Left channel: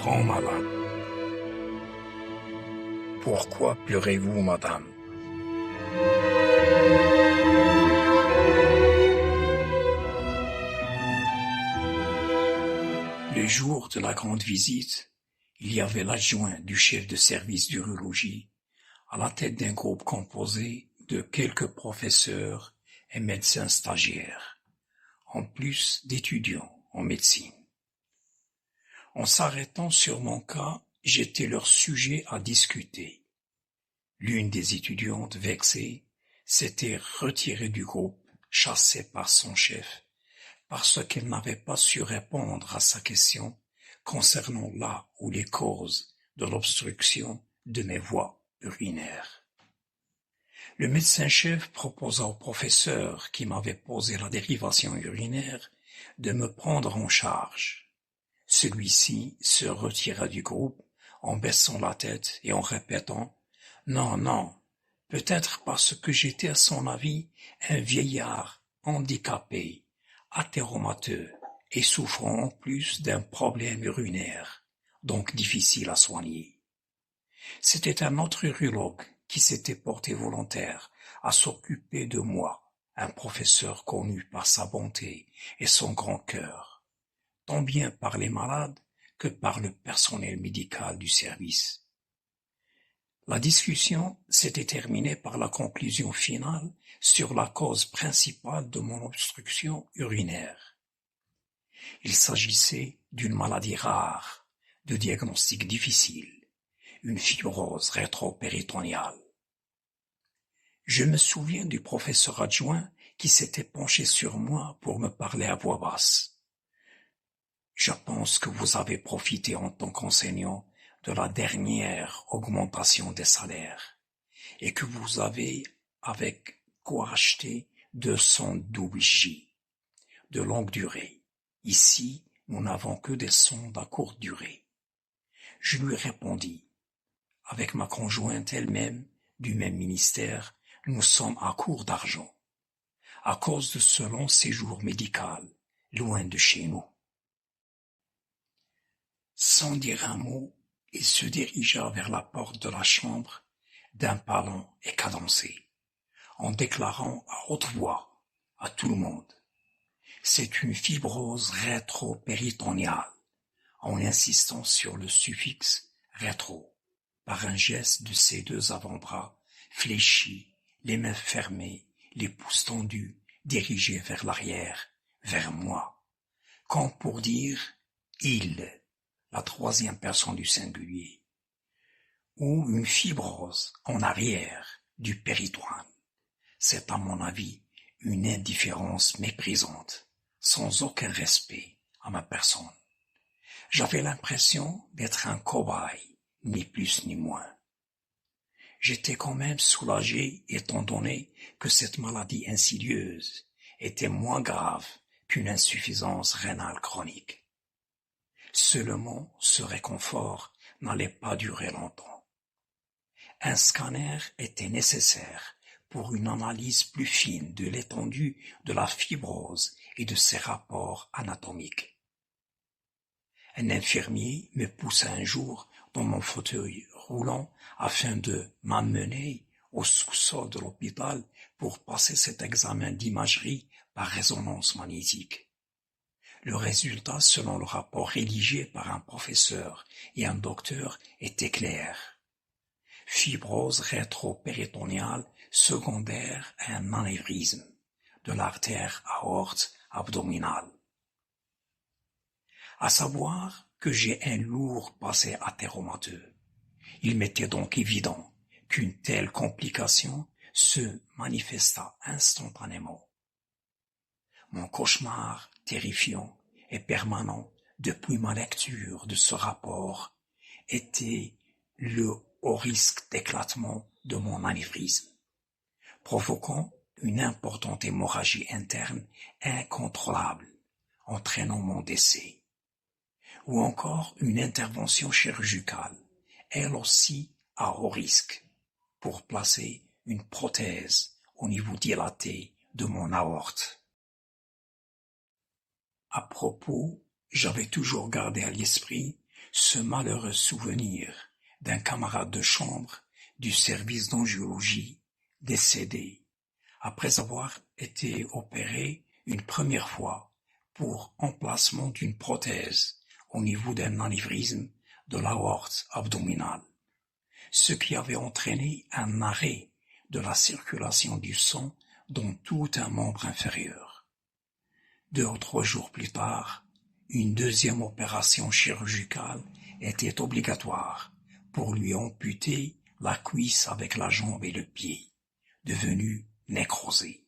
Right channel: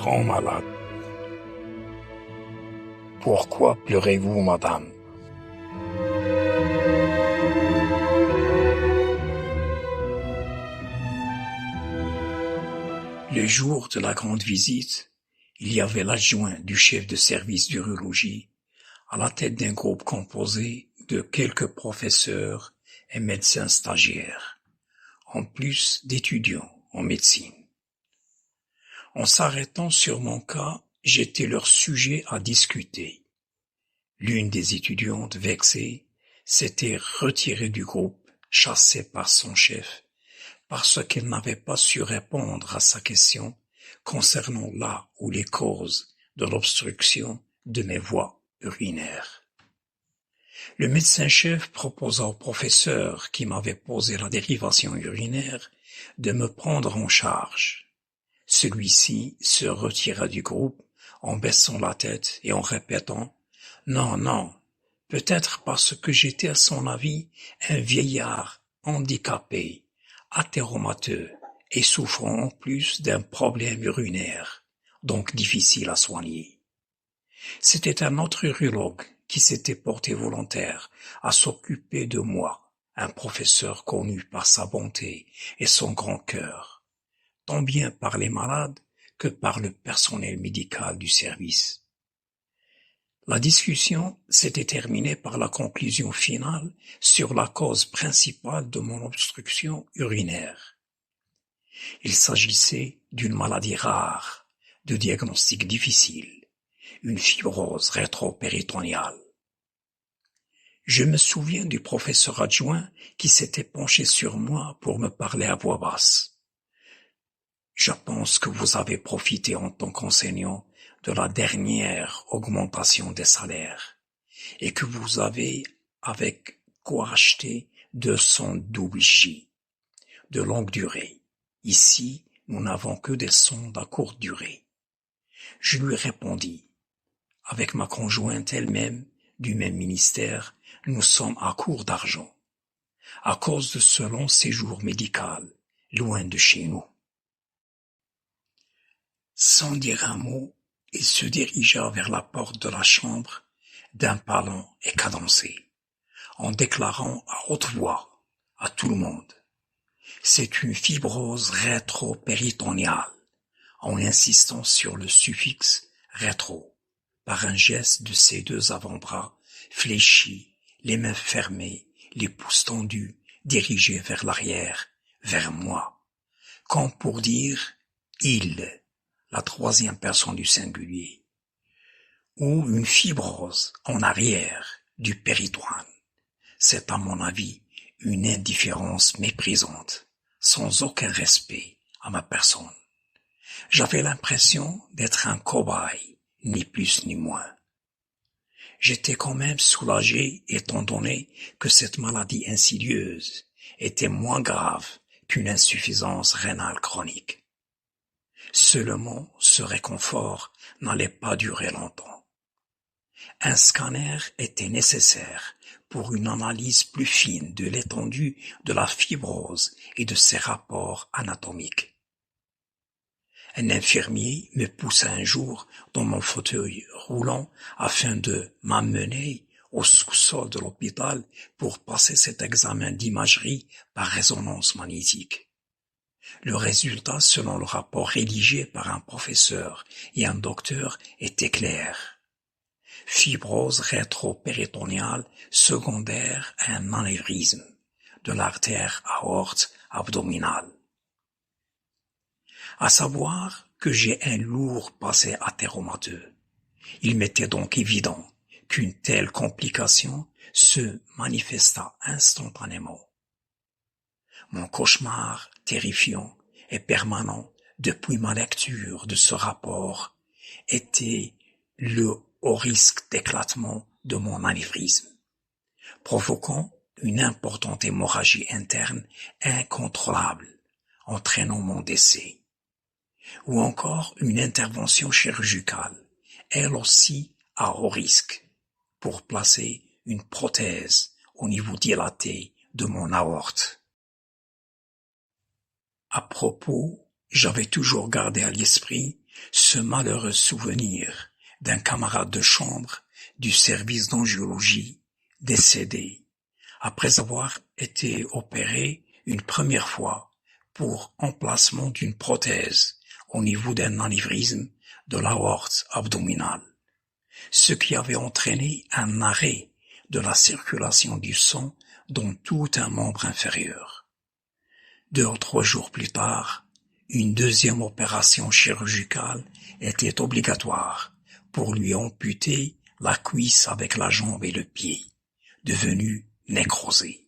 grand malade. Pourquoi pleurez-vous, madame? Le jour de la grande visite, il y avait l'adjoint du chef de service d'urologie à la tête d'un groupe composé de quelques professeurs et médecins stagiaires, en plus d'étudiants en médecine. En s'arrêtant sur mon cas, j'étais leur sujet à discuter. L'une des étudiantes vexée s'était retirée du groupe, chassée par son chef, parce qu'elle n'avait pas su répondre à sa question concernant la ou les causes de l'obstruction de mes voies urinaires. Le médecin-chef proposa au professeur qui m'avait posé la dérivation urinaire de me prendre en charge. Celui-ci se retira du groupe en baissant la tête et en répétant « Non, non, peut-être parce que j'étais à son avis un vieillard handicapé, athéromateux et souffrant en plus d'un problème urinaire, donc difficile à soigner. » C'était un autre urologue qui s'était porté volontaire à s'occuper de moi, un professeur connu par sa bonté et son grand cœur, tant bien par les malades que par le personnel médical du service. La discussion s'était terminée par la conclusion finale sur la cause principale de mon obstruction urinaire. Il s'agissait d'une maladie rare, de diagnostic difficile, une fibrose rétropéritonéale. Je me souviens du professeur adjoint qui s'était penché sur moi pour me parler à voix basse. Je pense que vous avez profité en tant qu'enseignant de la dernière augmentation des salaires et que vous avez avec quoi acheter 200 double J de longue durée. Ici, nous n'avons que des sondes à courte durée. Je lui répondis, avec ma conjointe elle-même du même ministère, nous sommes à court d'argent, à cause de ce long séjour médical, loin de chez nous. Sans dire un mot, il se dirigea vers la porte de la chambre d'un pas lent et cadencé, en déclarant à haute voix à tout le monde « C'est une fibrose rétropéritonéale », en insistant sur le suffixe « rétro », par un geste de ses deux avant-bras fléchis, les mains fermées, les pouces tendus, dirigés vers l'arrière, vers moi, comme pour dire « il », la troisième personne du singulier, ou une fibrose en arrière du péritoine. C'est à mon avis une indifférence méprisante, sans aucun respect à ma personne. J'avais l'impression d'être un cobaye, ni plus ni moins. J'étais quand même soulagé étant donné que cette maladie insidieuse était moins grave qu'une insuffisance rénale chronique. Seulement, ce réconfort n'allait pas durer longtemps. Un scanner était nécessaire pour une analyse plus fine de l'étendue de la fibrose et de ses rapports anatomiques. Un infirmier me poussa un jour dans mon fauteuil roulant afin de m'amener au sous-sol de l'hôpital pour passer cet examen d'imagerie par résonance magnétique. Le résultat, selon le rapport rédigé par un professeur et un docteur, était clair. Fibrose rétropéritonéale secondaire à un anévrisme de l'artère aorte abdominale. À savoir que j'ai un lourd passé athéromateux. Il m'était donc évident qu'une telle complication se manifesta instantanément. Mon cauchemar terrifiant et permanent depuis ma lecture de ce rapport était le haut risque d'éclatement de mon anévrisme, provoquant une importante hémorragie interne incontrôlable, entraînant mon décès, ou encore une intervention chirurgicale, elle aussi à haut risque, pour placer une prothèse au niveau dilaté de mon aorte. À propos, j'avais toujours gardé à l'esprit ce malheureux souvenir d'un camarade de chambre du service d'angiologie décédé après avoir été opéré une première fois pour emplacement d'une prothèse au niveau d'un anévrisme de l'aorte abdominale, ce qui avait entraîné un arrêt de la circulation du sang dans tout un membre inférieur. 2 ou 3 jours plus tard, une deuxième opération chirurgicale était obligatoire pour lui amputer la cuisse avec la jambe et le pied, devenu nécrosé.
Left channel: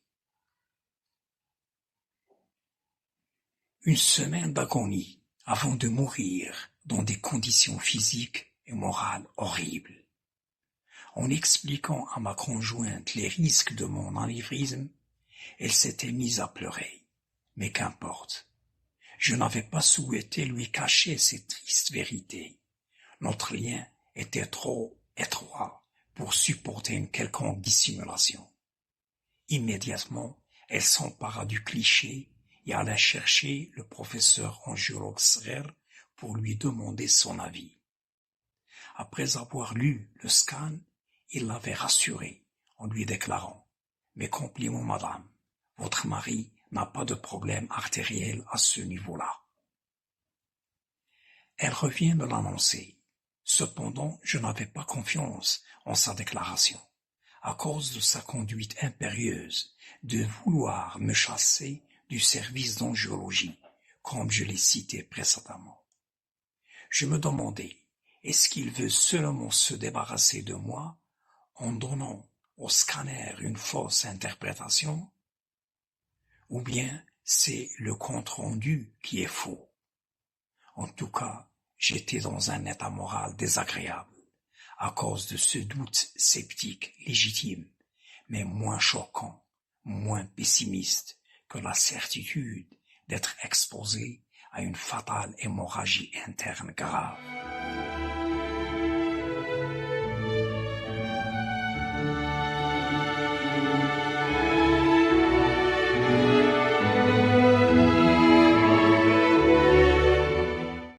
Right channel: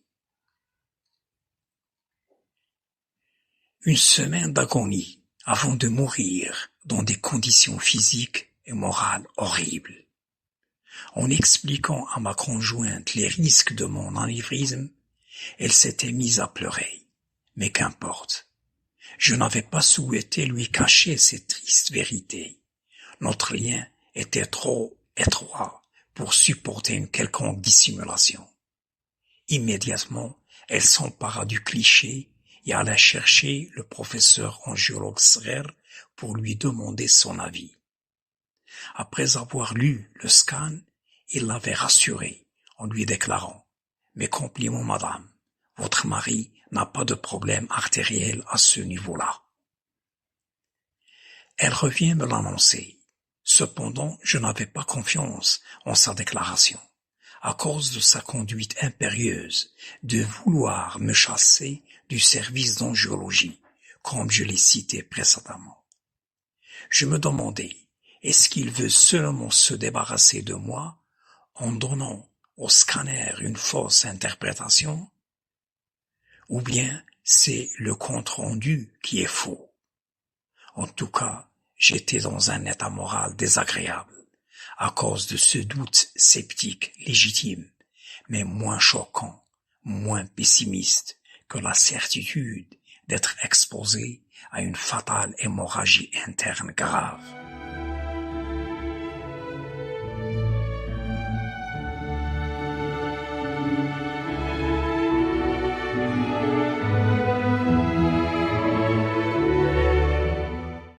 Une semaine d'agonie avant de mourir dans des conditions physiques et morales horribles. En expliquant à ma conjointe les risques de mon anévrisme, elle s'était mise à pleurer. Mais qu'importe. Je n'avais pas souhaité lui cacher cette triste vérité. Notre lien était trop étroit pour supporter une quelconque dissimulation. Immédiatement, elle s'empara du cliché et alla chercher le professeur angiologue Srer pour lui demander son avis. Après avoir lu le scan, il l'avait rassurée en lui déclarant « Mes compliments, madame, votre mari n'a pas de problème artériel à ce niveau-là. » Elle revient me l'annoncer. Cependant, je n'avais pas confiance en sa déclaration, à cause de sa conduite impérieuse de vouloir me chasser du service d'angiologie, comme je l'ai cité précédemment. Je me demandais, est-ce qu'il veut seulement se débarrasser de moi en donnant au scanner une fausse interprétation? Ou bien c'est le compte-rendu qui est faux? En tout cas, j'étais dans un état moral désagréable, à cause de ce doute sceptique légitime, mais moins choquant, moins pessimiste que la certitude d'être exposé à une fatale hémorragie interne grave.